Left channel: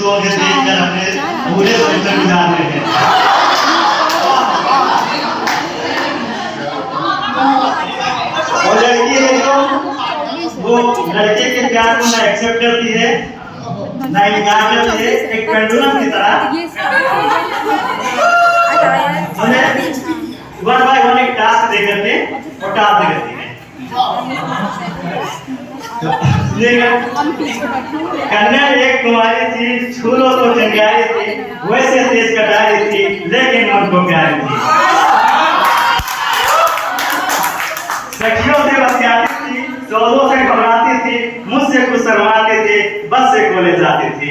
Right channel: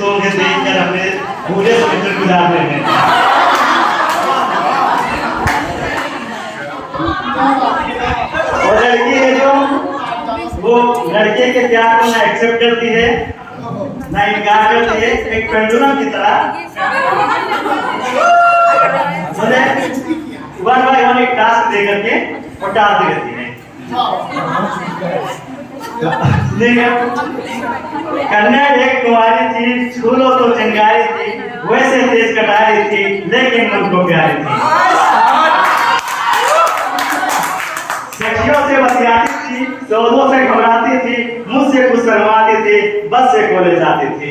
जिसको उन्हें देखकर अपने पूरे समय गुजार रहे हैं। और लड़की है तो वो लड़के के प्यार को ना एक्सेप्ट करती है ना इनकार करती है, एक पेंडुलम की तरह वन बाय वन एक टास्क दे करके और टास्क दे करती है। कन्या एक कुंवारी थी, फूलों को चंगारी थी, वैसे तेज कटारी थी, लेकिन मन को प्यारी थी। सखियों से बतियाती थी, सौदों से घबराती थी, मुझसे कुछ शर्माती थी, बस से कोले जाती थी।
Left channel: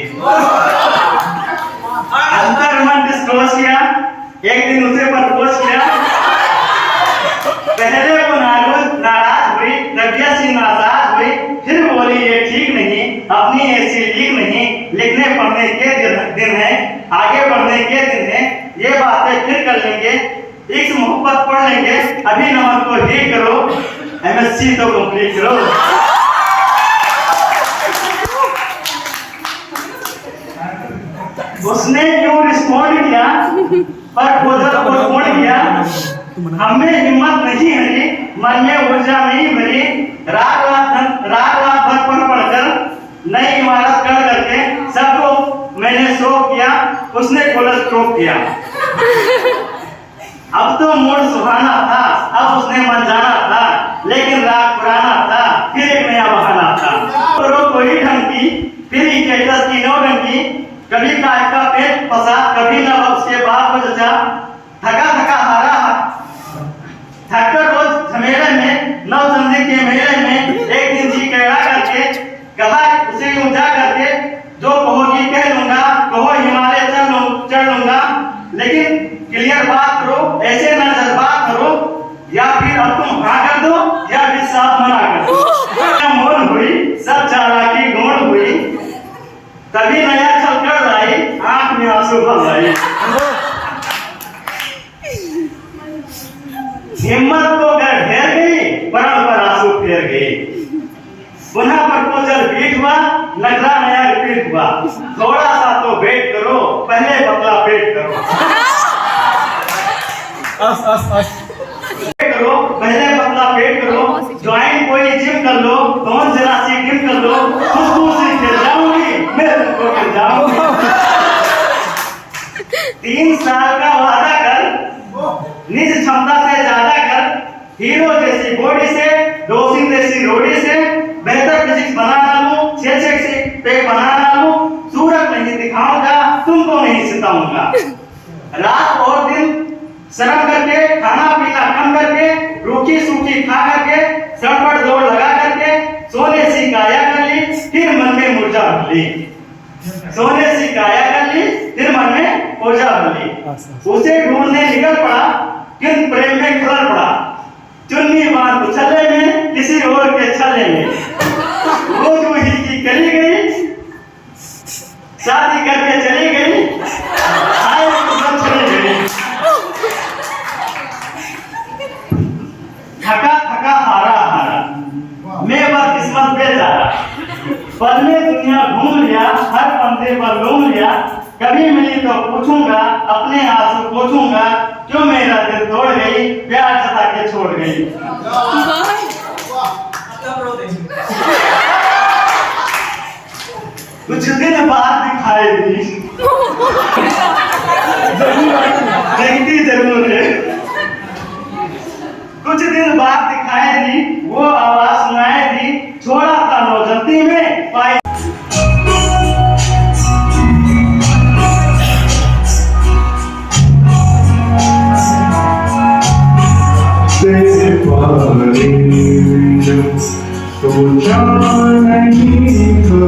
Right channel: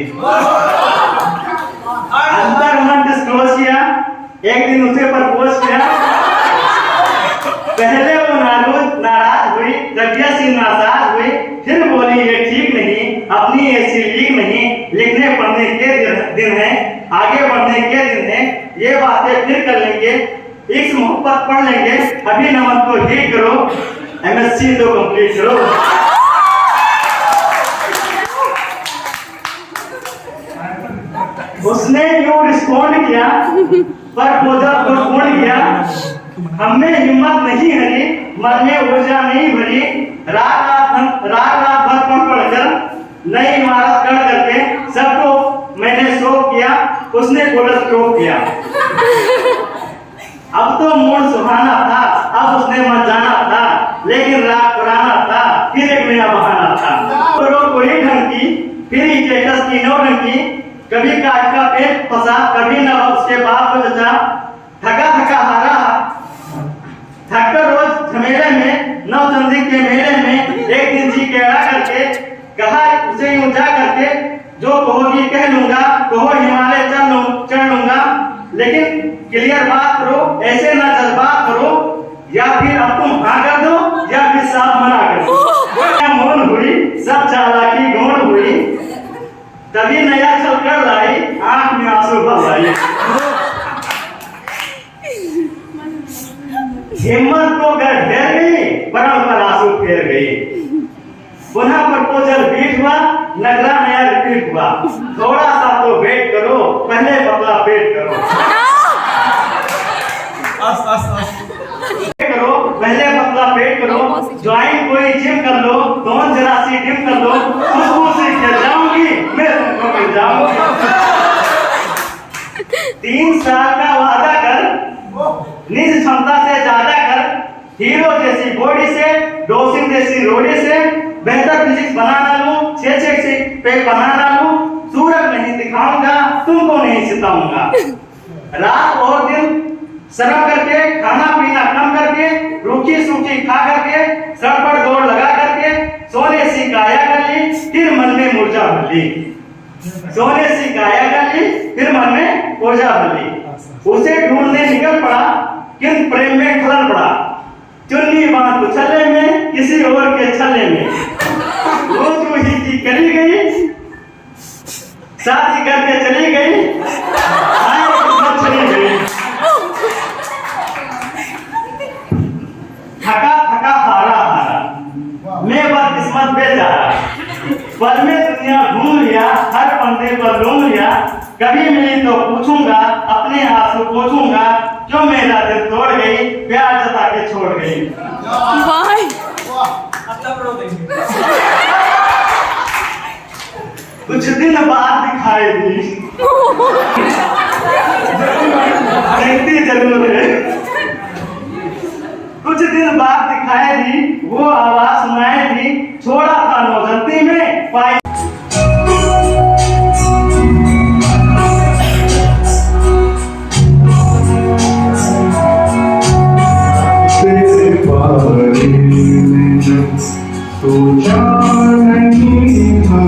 अंतर मन डिस्क्लोज किया, एक दिन उसे प्रपोज किया। पहले वो नाराज हुई, प्रज्ञा सी नाराज हुई, फिर बोली ये ठीक नहीं, अपनी ऐसी लीक नहीं, लिखने पढ़ने के दिन है, आगे बढ़ने के दिन है, ये बातें फिर कर लेंगे, इस मोहब्बत पढ़ लेंगे, अभी नमक को हीट करो, MSc तो कंप्लीट करो। उसने यूं रिस्पॉन्ड किया, पर प्रपोजल को छोड़ दिया। हमें हिम्मत नहीं हरी, मन में ऊर्जा नहीं भरी, रात रात भर पढ़कर नई इमारत खड़ा करके सबको मैंने शो किया, उसने कोलस्ट्रोक किया। अब तो मूड सुहाना था, अब उसने मन जाना था, लेकिन राग पुराना था, फिर एक नया बहाना था। करो कोई ढंग की, फिर स्टेटस की नौरंगी, कभी काट का पेट फंसा, कभी न उसके बाप को जचा, थका थका हारा थककर रोज झमेले में, नवचंदी के मेले में, एक दिन जी कहला करके कहा उसे यूं जा करके, जो कहोगी कह लूंगा, कहो हिमालय चढ़ लूंगा, लेकिन क्लियर बात करो, ऐसे ना जज्बात करो, या फिर अब तुम हाँ कर दो या फिर साफ मना कर दो। मोन हुई, सब चालाकी गौण हुई, तभी नया छल कर लाई, आंख में आंसू भर लाई। हिम्मत तो घर घेर गई, परम पर आंसू फेर गई। पुनः प्रपोजल बीट हुआ, नगरा नया रिपीट हुआ, थोड़ा सा तो वेट करो, पहले पतला पेट करो। करो पहले पतला पेट करो, ज्वाइन कोई जिम कर लो, दोन जरा सी डिम कर लो, खुशबू से गिर जाऊंगी, मैं तुमको गिर जाऊंगी। 3 साल का वादा कर, निज क्षमता से ज्यादा कर, हीरो जैसी बॉडी से, डोसिंग जैसी रोडी से, बेहतर फिजिक्स बना डालूं, 6 पैक बना डालूं, सूरज नहीं दिखाऊंगा, तुमको नहीं सिताऊंगा। रात और दिन शर्म करके, खाना पीना कम करके, रूखी सूखी खा करके, सर पर दौड़ लगा करके, सोने सी काया कर ली, फिर मन में ऊर्जा भर ली। सोने सी काया कर ली, फिर मन में ऊर्जा भर ली। उसे ढूंढने निकल पड़ा, किंतु प्रेम में खलल पड़ा, चुन्नी बांध उछलने में, किसी और के छलने में, रोज वही की करी गई, शादी करके चली गई, आए चली गई। थका थका हारा हारा, मैं बदकिस्मत बेचारा, पल में दुनिया घूम लिया, हर पंदे पर लूम लिया, कभी मिली तो पूछूंगा, अपने आंसू पोछूंगा, क्यों मेरा दिल तोड़ गई, प्यार जता के छोड़ गई। कुछ दिन बाद दिखाई दी, देखती जरूर है, कुछ दिन बाद दिखाई दी, वो आवाज सुनाई दी, छोड़ा था नौजंती में, पाई तो नहीं था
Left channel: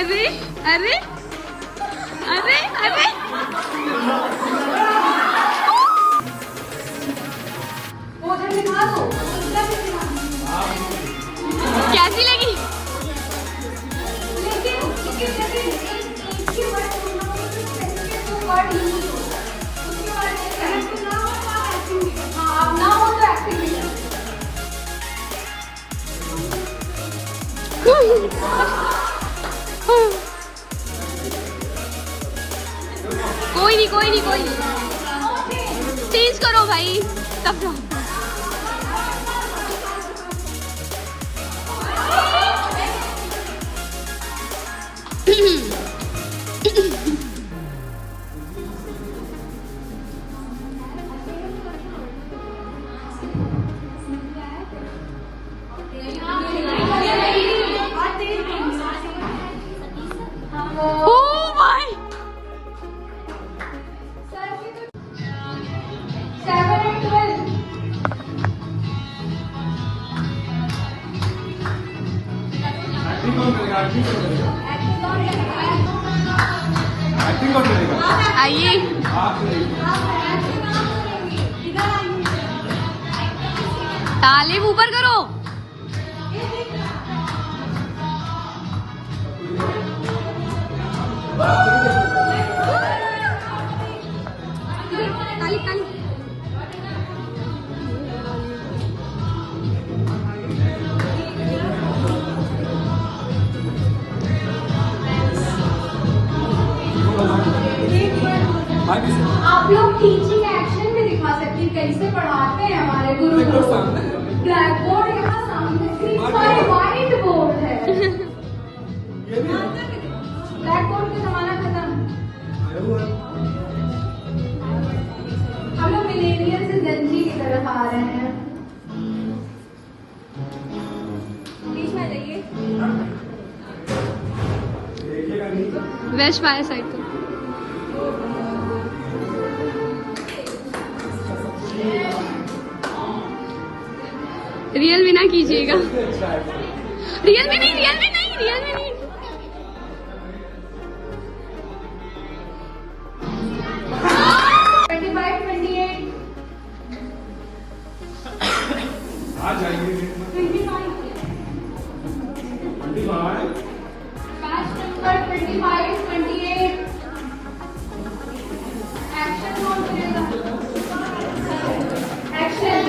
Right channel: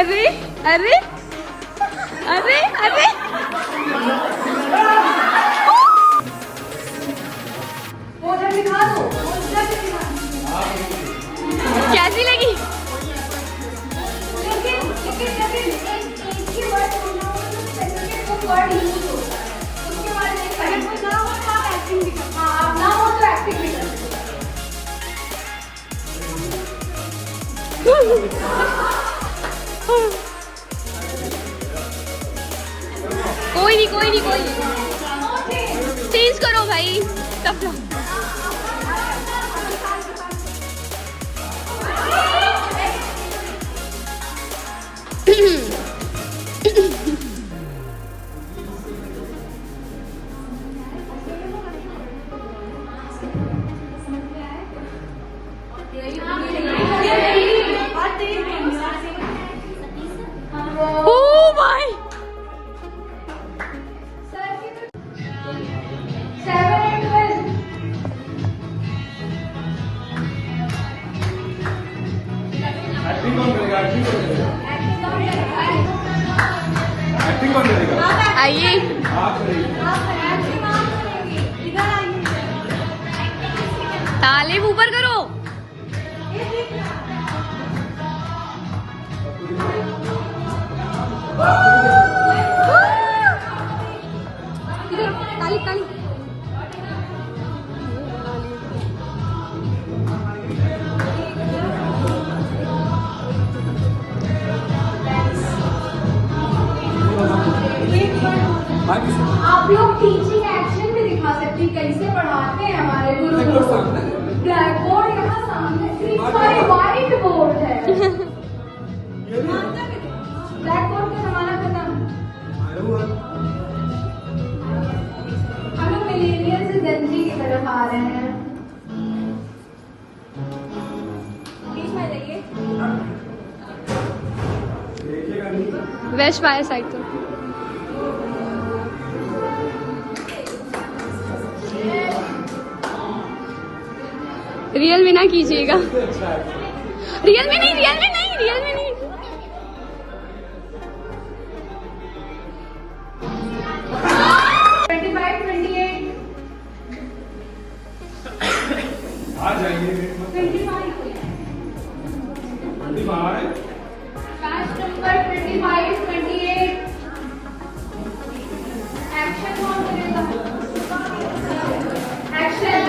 अरे अरे अरे अरे कैसी लगी? कोई नहीं चेंज करो भाई तब जाओ। आइए तालीम ऊपर करो। आप लोग टीचिंग एक्शन भी दिखा सकती, कैसे पढ़ाते हैं हमारे गुरु। ब्लैक बोर्ड यहाँ सामने व्हाइट बोर्ड है। ब्लैक बोर्ड का जमाना खत्म। हम लोग मिलेनियल से जनजी की तरफ आ रहे हैं। वेस्ट फायर साइड को रियल में ना कीजिएगा। रियल में नहीं। 25, 28, 25, last number 25, 28, action हो जाएगा। Action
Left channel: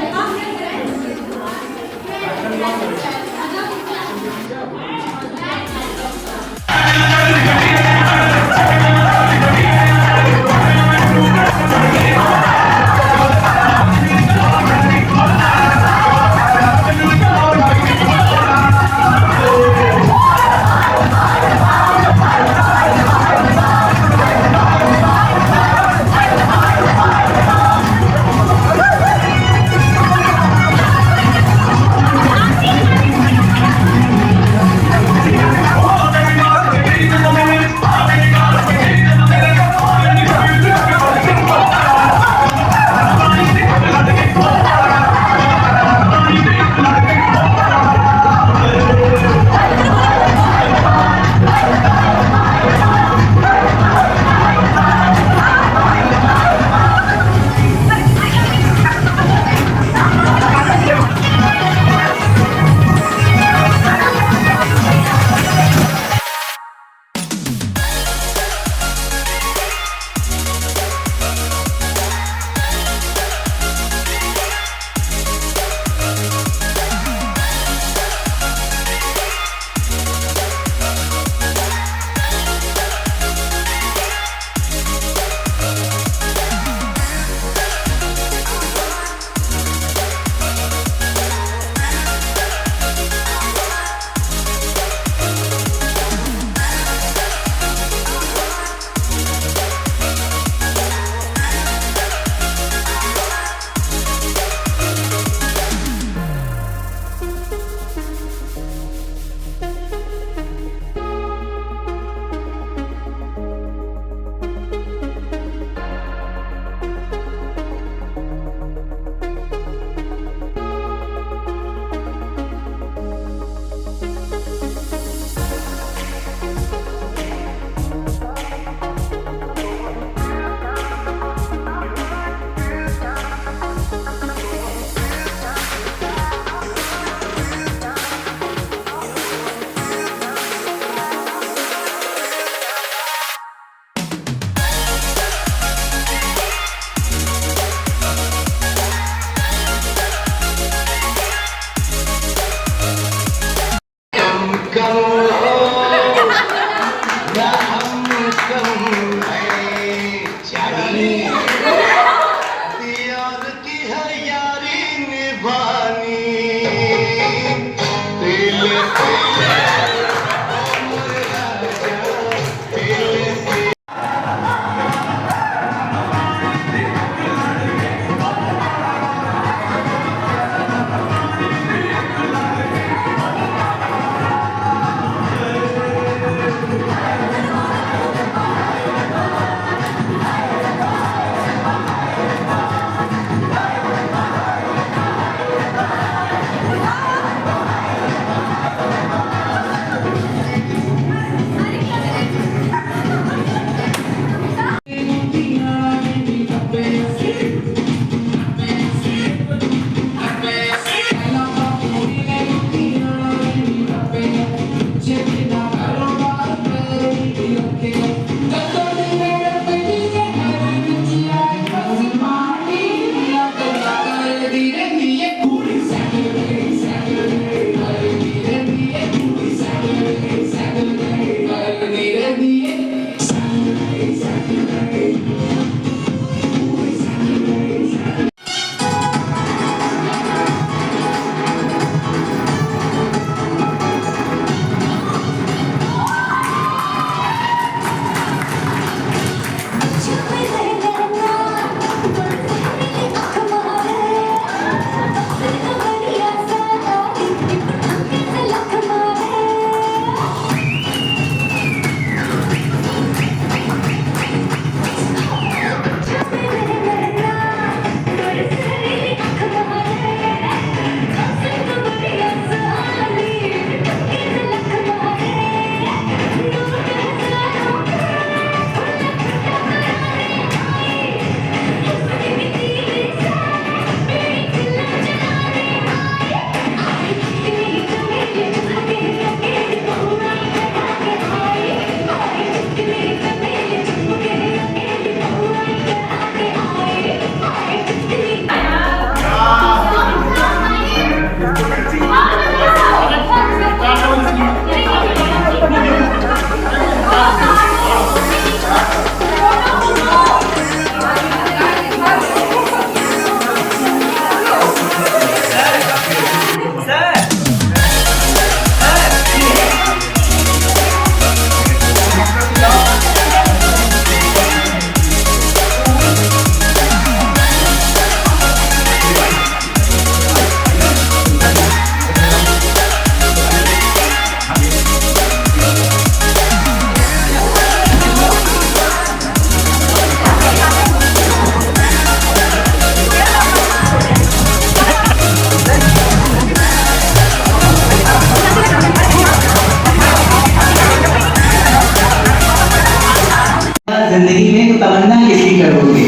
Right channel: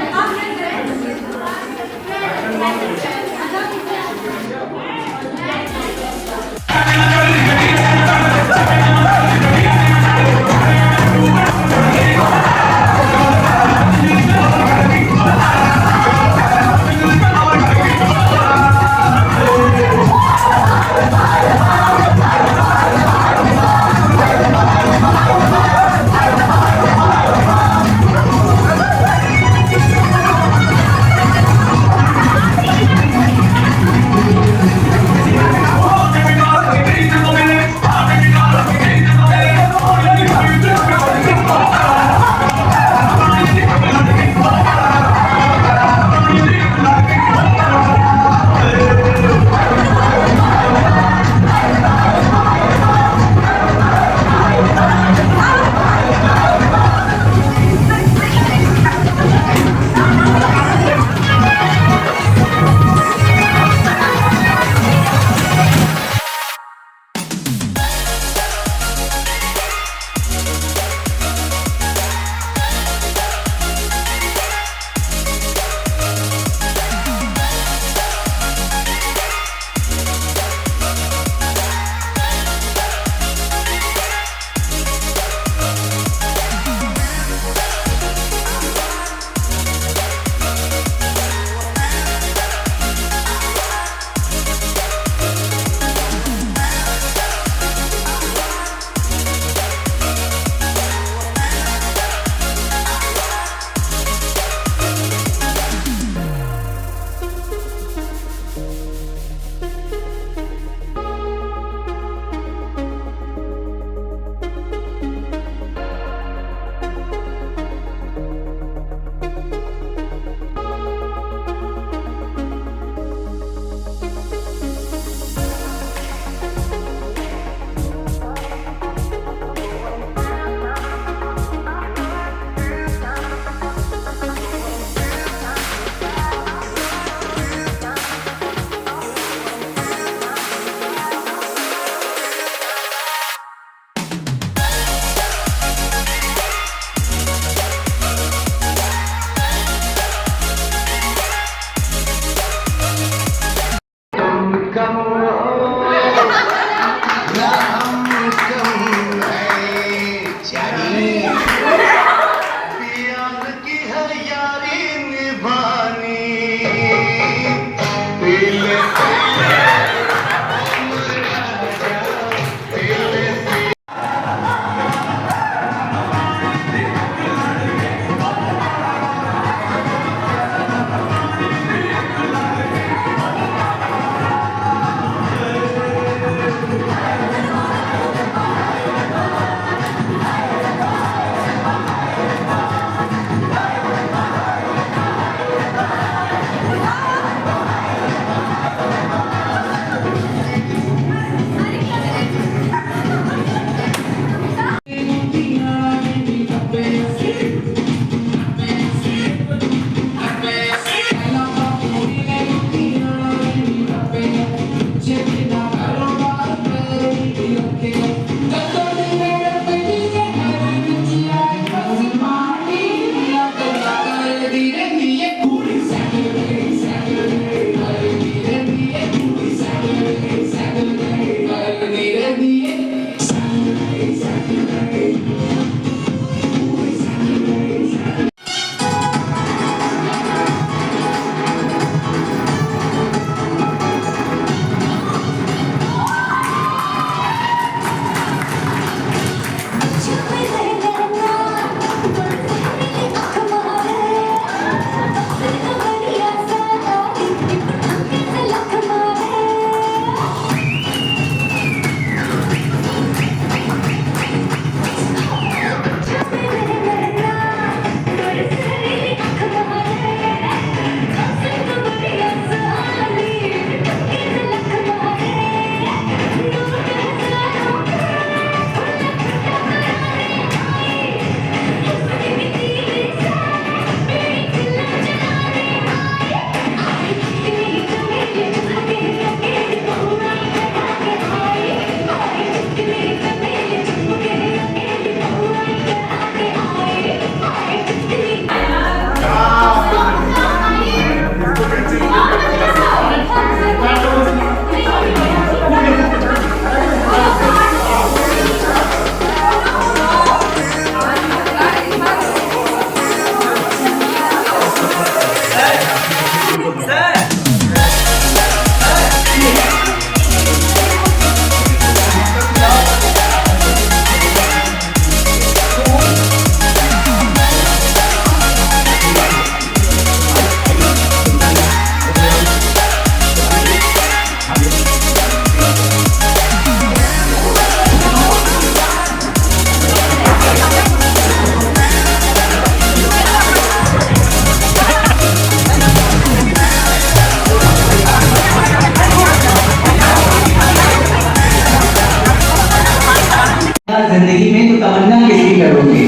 जिंदगी में तो तमन्ना यही करोगे,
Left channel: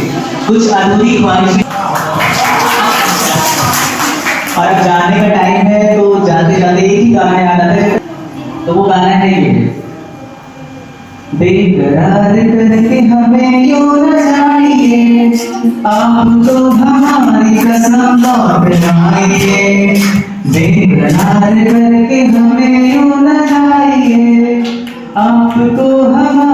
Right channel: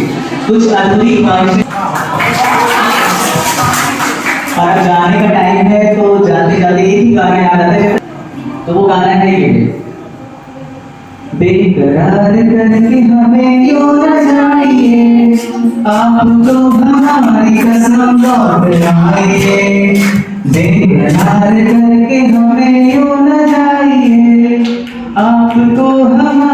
कुछ अधूरी ख्वाहिशें। और अब जाने का टाइम है तो जाते जाते एक ही गाने आ जाते हैं, तो वो गाना है ये, बेकरार करके हमें यूं न जाइए, आप तो हमारी कसम लौट आइए। बेकरार करके हमें यूं न जाइए, आप तो हमारी